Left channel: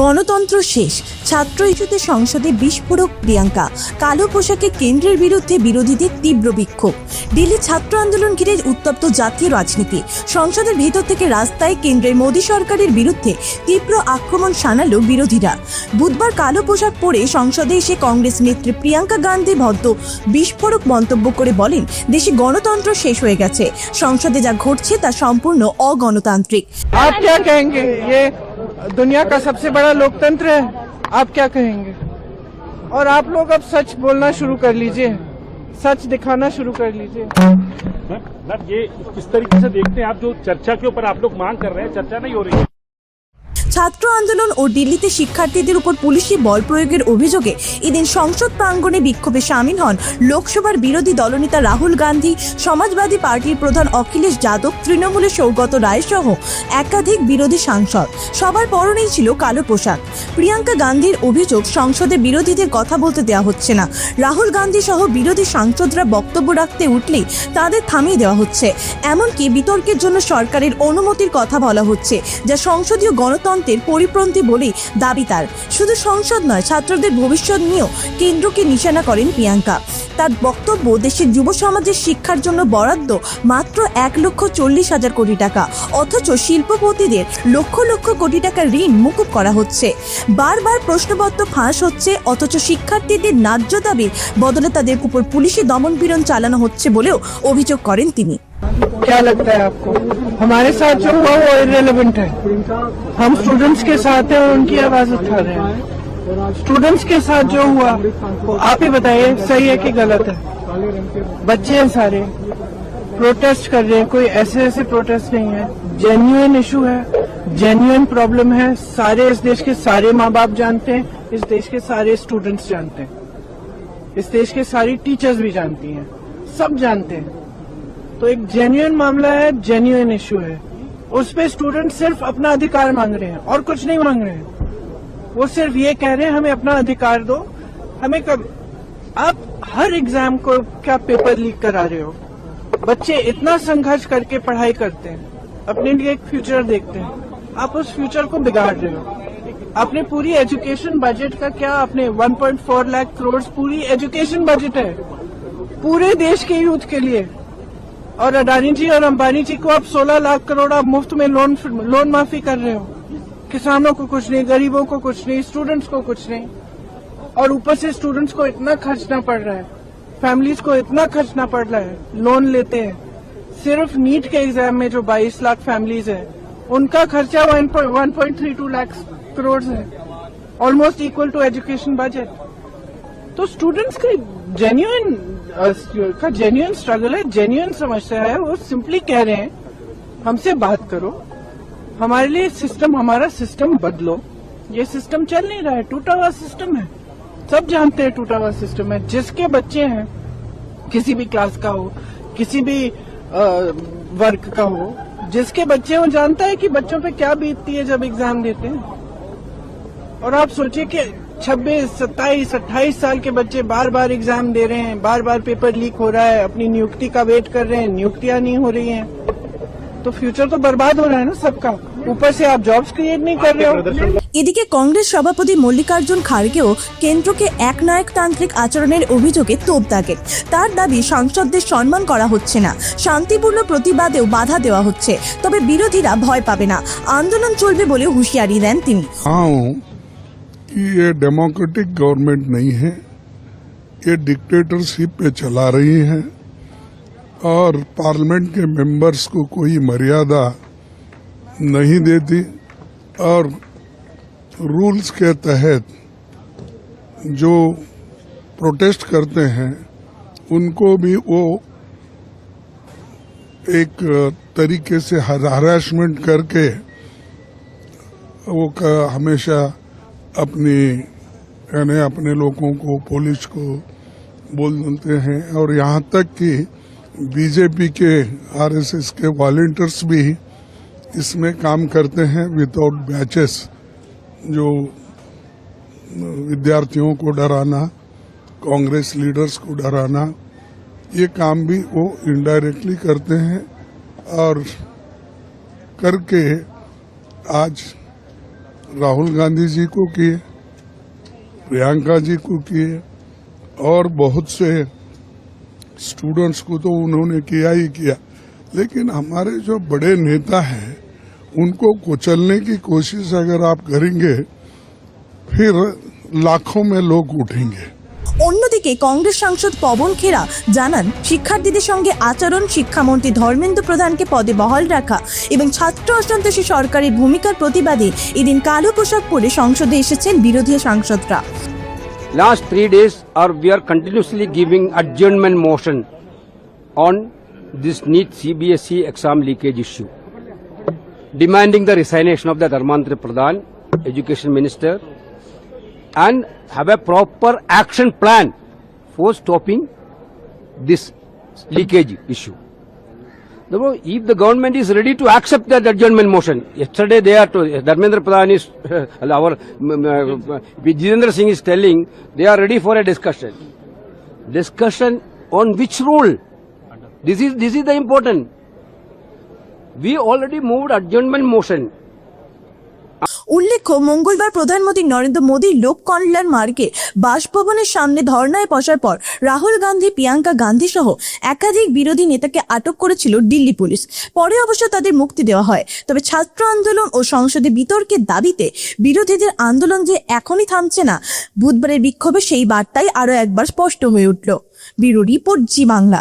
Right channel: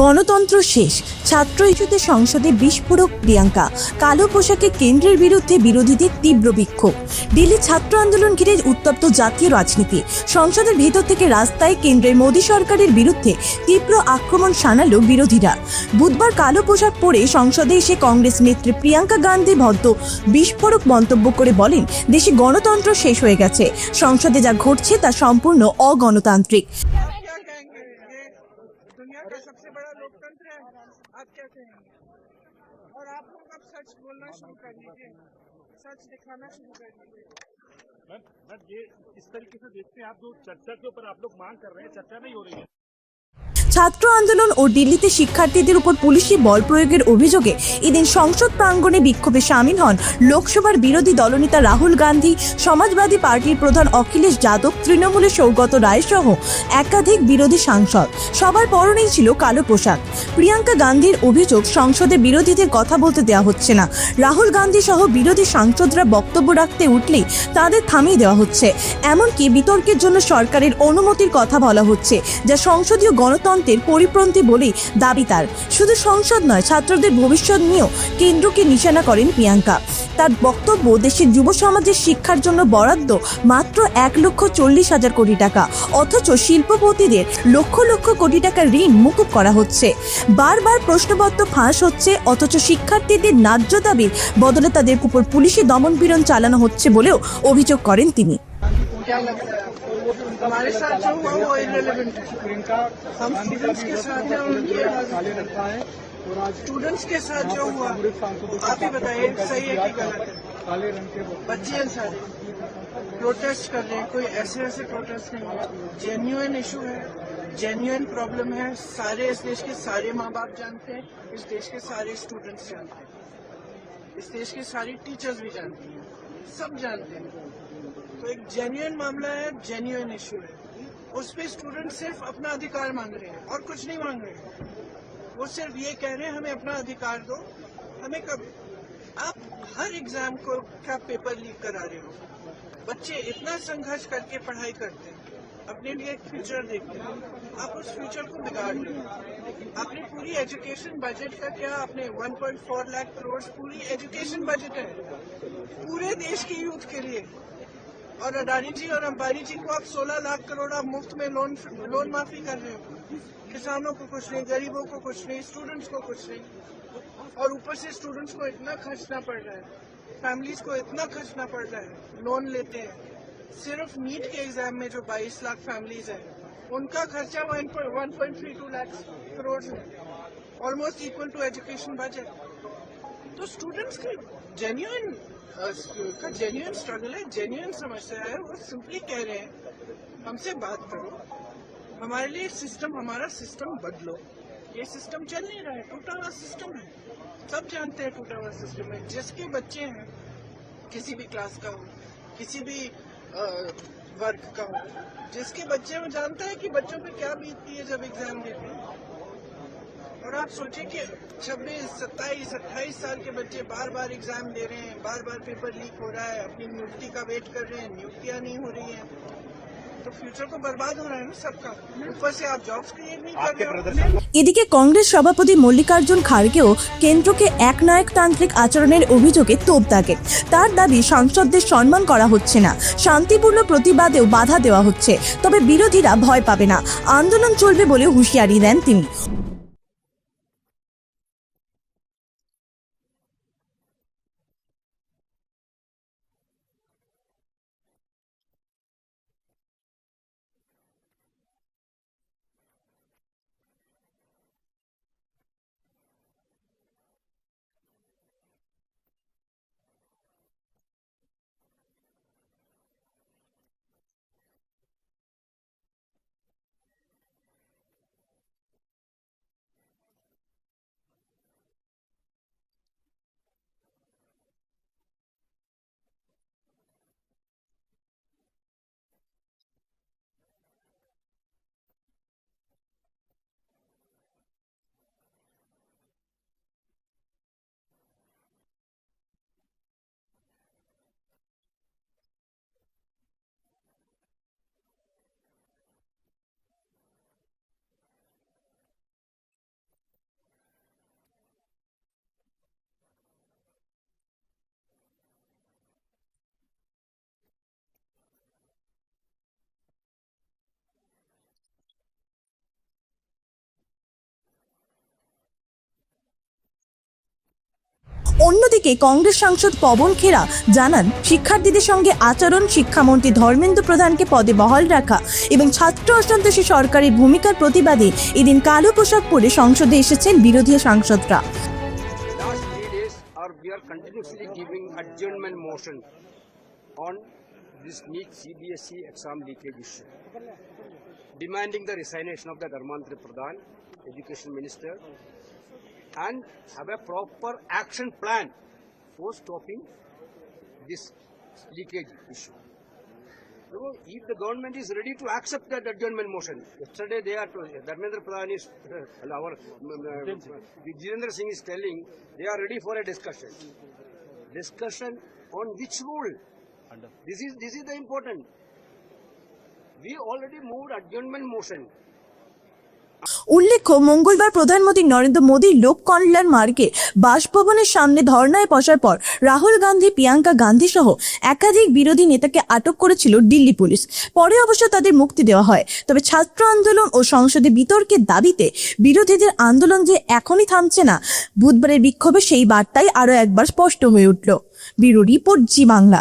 গণতন্ত্র শেষ, ছাত্র ইস্যুতে সংসদে বিস্ফোরক প্রিয়াঙ্কা, কালো পোশাকে কেন্দ্রের বিরুদ্ধে বিরোধীদের তীব্র বিক্ষোভ। দিল্লি ছাত্র আন্দোলন ঘিরে উত্তপ্ত জাতীয় রাজনীতি, সংসদের ভেতর থেকে রাস্তায় কেন্দ্রের মোদী সরকারের বিরুদ্ধে তীব্র আক্রমণ শানালো বিরোধীরা। বুধবার কালো পোশাক পরে সংসদে এসে কংগ্রেস নেত্রী প্রিয়াঙ্কা গান্ধী ভদ্র বিস্ফোরক মন্তব্য করে বলেন, দেশে গণতন্ত্র শেষ হয়ে গেছে, সংসদে যা ঘটছে তা সম্পূর্ণ অগণতান্ত্রিক। दुनिया का सबसे बड़ा लोकतंत्र है, आप क्या कहेंगे? और आप लोग अब सच बोलना शुरू कर लीजिए, सच दिखाना शुरू कर लीजिए। मैम ये किस तरीके से देखते हैं आप, जो चर्चा के ऊपर आप लोग मांग कर रहे हैं, चर्चा नहीं हो रही है? ছাত্র আন্দোলন ও দিল্লিতে শিক্ষার্থীদের উপর পুলিশি বল প্রয়োগের অভিযোগে এদিন সংসদ প্রাঙ্গণে বিক্ষোভে সামিল হন লোকসভার বিরোধী দলনেতা রাহুল গান্ধী, সমাজবাদী পার্টির প্রধান অখিলেশ যাদব, তৃণমূলের সৌগত রায় সহ একাধিক বিরোধী সাংসদ। সবার পরনেই ছিল কালো পোশাক। প্রিয়াঙ্কা গান্ধীর অভিযোগ, সংসদে বিরোধীদের কথা বলতে দেওয়া হচ্ছে না। রাহুল গান্ধী সহ বিরোধী সাংসদরা বক্তব্য রাখতে উঠলেই তাদের থামিয়ে দেওয়া হচ্ছে। এমনকি বিতর্কের জন্য সরকারের অনুমতির কথা বলা হচ্ছে, যা সংসদীয় গণতন্ত্রের পরিপন্থী বলেই দাবি তার। শুধু সংসদ নয়, ছাত্রদের ভবিষ্যৎ নিয়েও কেন্দ্রকে নিশানা করেন প্রিয়াঙ্কা। তার বক্তব্য, দেশের যুব সমাজের শিক্ষার জন্য বরাদ্দ মাত্র 1,40,000 কোটি টাকা, অথচ শিল্পপতিদের লক্ষ লক্ষ কোটি টাকার ঋণ মকুব করা হচ্ছে। বারবার প্রশ্নপত্র ফাঁস হচ্ছে, অথচ শিক্ষার্থীদের ন্যায্য দাবির বদলে তাদের উপর পুলিশি দমনপীড়ন চালানো হচ্ছে বলেও অভিযোগ করেন তিনি। क्या लगता है आपको हमारे साथ जो हुआ वो इररिलेवेंट है? हम स्टूडेंट्स के साथ हैं और उनकी आवाज उठा रहे हैं। स्टूडेंट्स के साथ जो हुआ वो आप ही बताइए, सही है कि गलत है? बच्चे हैं सारे, प्रोटेस्ट कर रहे हैं, कोई ऐसे प्रोटेस्ट नहीं है, जेन्युइन इशू है, जेन्युइन प्रॉब्लम है। सारे इस देश के सारे माँ बाप जानते हैं, इस देश के सारे स्टूडेंट्स जानते हैं, इस देश के सारी टीचर्स भी जानती हैं, सब जानते हैं। तो एक जेन्युइन मामला है, जेन्युइन इशू है। उस पे स्टूडेंट सिर्फ अपना अधिकार मांग रहे हैं और कुछ नहीं मांग रहे हैं। वो सिर्फ ये कह रहे हैं हमें अपना अधिकार दो। हमें कब, आप हर एग्जाम को क्या पेपर लीक करा रहे हो? बच्चे इतना संघर्ष करके पढ़ाई करते हैं, अपने लिए एक फ्यूचर देखते हैं, आप उस फ्यूचर को बिगाड़ रहे हो। आपने पूरी एजुकेशन बजट का क्या, आपने 1.4 लाख करोड़ पूरी एजुकेशन बजट है पूरे देश के यूथ के लिए। और अडानी जी और अंबानी जी को आप 16 लाख करोड़ आप मुफ्त में लोन माफी कर रहे हो। किसानों को कुछ नहीं, गरीबों को कुछ नहीं, स्टूडेंट्स को कुछ नहीं। और ऊपर से स्टूडेंट्स को इतना खर्चना पड़ रहा है, फैमिलीज को इतना खर्चना पड़ रहा है, लोन लेते हैं। सिर्फ नीट के एग्जाम में जो 22 लाख फैमिलीज है, उनका खर्चा 1.32 लाख करोड़ है, almost equal to education budget. तो स्टूडेंट्स का जेन्युइन स्ट्रगल है, जेन्युइन समस्या है। वो सिंपली कह रहे हैं हमसे बात करो, हमारे लिए सिस्टम, हमारा सिस्टम बदलो। ये सिस्टम चल नहीं रहा है, टूटा हुआ सिस्टम है, सब जानते हैं टूटा हुआ सिस्टम है। जिसके बच्चे हैं, किसी भी क्लास का हो, किसी भी वर्ग का हो, जिसके बच्चे हो जानता है कि बच्चों पे क्या बीतती है जब एग्जाम देते हैं। और आप सोचिए कि 26, 27, 28 साल के बच्चे बार बार एग्जाम दे रहे हैं, बार बार पेपर लीक हो रहा है, अपनी नियुक्ति का वेट कर रहे हैं, नियुक्तियां नहीं हो रही हैं, तो फ्यूचर तो बर्बाद हो रहा है ना सबका। ऊपर से आप जॉब्स क्रिएट नहीं कर रहे हो। এদিকে কংগ্রেস সভাপতি মল্লিকার্জুন খাড়গেও কেন্দ্রকে একনায়কতান্ত্রিক আচরণের অভিযোগে তোপ দাগেন। তার দাবি, সাংসদদের সম্মান করা হচ্ছে না, শান্তিপূর্ণ প্রতিবাদেও বাধা দেওয়া হচ্ছে, তবে বিরোধীরা ভয় পাবে না, আন্দোলন চলবে বলে হুঁশিয়ারি দেন তিনি। कि ये डेमोक्रेटिक गवर्नमेंट नहीं है, ये डिक्टेटरशिप पे चला रही है और पार्लियामेंट के मेंबर्स को कोई मर्यादा नहीं देती और रूल्स के तहत जो प्रोटेस्ट करते हैं उनको भी वो एक तरीके से हरासमेंट करके वो हमेशा अपने लोगों को, पुलिस को बोल देते हैं। और यहाँ तक कि बीजेपी के, आरएसएस के वॉलंटियर्स भी इसमें काम करते हैं विदाउट बैचेस, जो विद्यार्थियों को डराना, कांग्रेस लीडर्स को डराना, ये काम भी वो इनडायरेक्टली करते हैं। और करके आज राहुल गांधी जी को किए, प्रियंका जी को किए और बहुत से स्टूडेंट्स को तो उन्होंने किया ही किया, लेकिन हमारे जो बड़े नेता हैं उनको कुचलने की कोशिश अगर आप करेंगे फिर लाखों में लोग उठेंगे। অন্যদিকে কংগ্রেস সাংসদ পবন খেরা জানান, শিক্ষার্থীদের সঙ্গে আচরণ, শিক্ষামন্ত্রী ধর্মেন্দ্র প্রধানকে পদে বহাল রাখা এবং ছাত্র অসন্তোষী সরকারের ভূমিকার প্রতিবাদে এদিন কালো পোশাক পরে সংসদে এসেছেন বিরোধী সাংসদরা। Last 3 days we are continuously giving adjournment motion on this NEET CBSE exam leakage issue, demanding the resignation of the Dharmendra Pradhan, Education Minister, and have a proper action plan for stopping this leakage issue. Therefore, if the government is ready to accept that adjournment motion, yesterday they are to Dharmendra Pradhan is our Jitendra Singh is telling they are ready for a discussion. Discussion on which rule? This is the important. We already moved adjournment motion. উল্লেখ্য, মঙ্গলবার প্রধানমন্ত্রী নরেন্দ্র মোদীর লোক কল্যাণ মার্গে বাসভবনের সামনে ধর্নায় বসার পর রাহুল গান্ধী, প্রিয়াঙ্কা গান্ধী সহ একাধিক বিরোধী নেতাকে আটক করেছিল দিল্লি পুলিশ। পরে অবশ্য তাদের মুক্তি দেওয়া হয়। তবে ছাত্র আন্দোলন ও সংসদে বিতর্কের দাবিতে বিরোধীদের আন্দোলন যে এখনই থামছে না, বুধবারের বিক্ষোভে সেই বার্তাই আরও একবার স্পষ্ট হয়ে উঠল। ব্যুরো রিপোর্ট, জি বাংলা।